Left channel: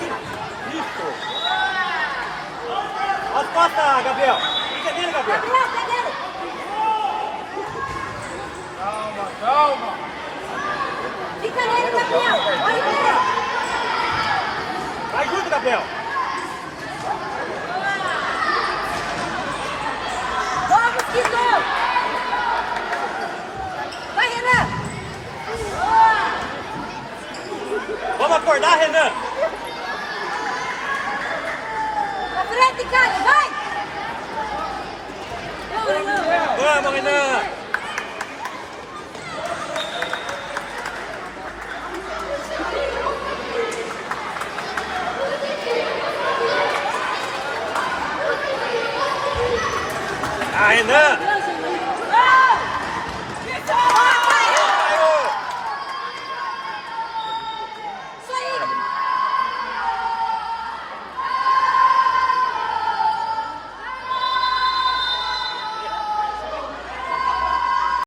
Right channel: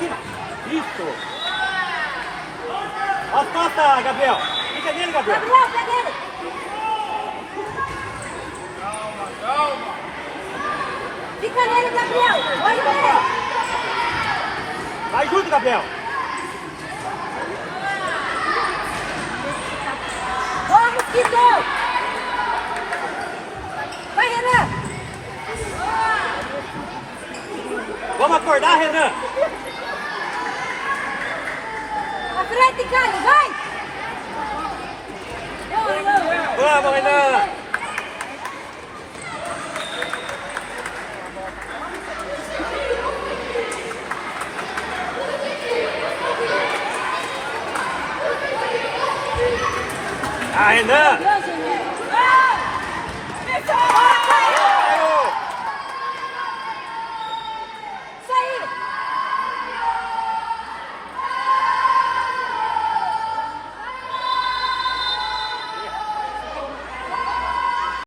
Isso. As costas, Gabriel. Fica nele, Gabriel. Calma. Fica nele, Gabriel. Vai, Gabriel. Vai junto, Gabriel. Vai, Mosquito. Vai, Renan. Vamos acordar, Renan. À frente, cara. Vai. Vamos, Renan. Ah, Renan.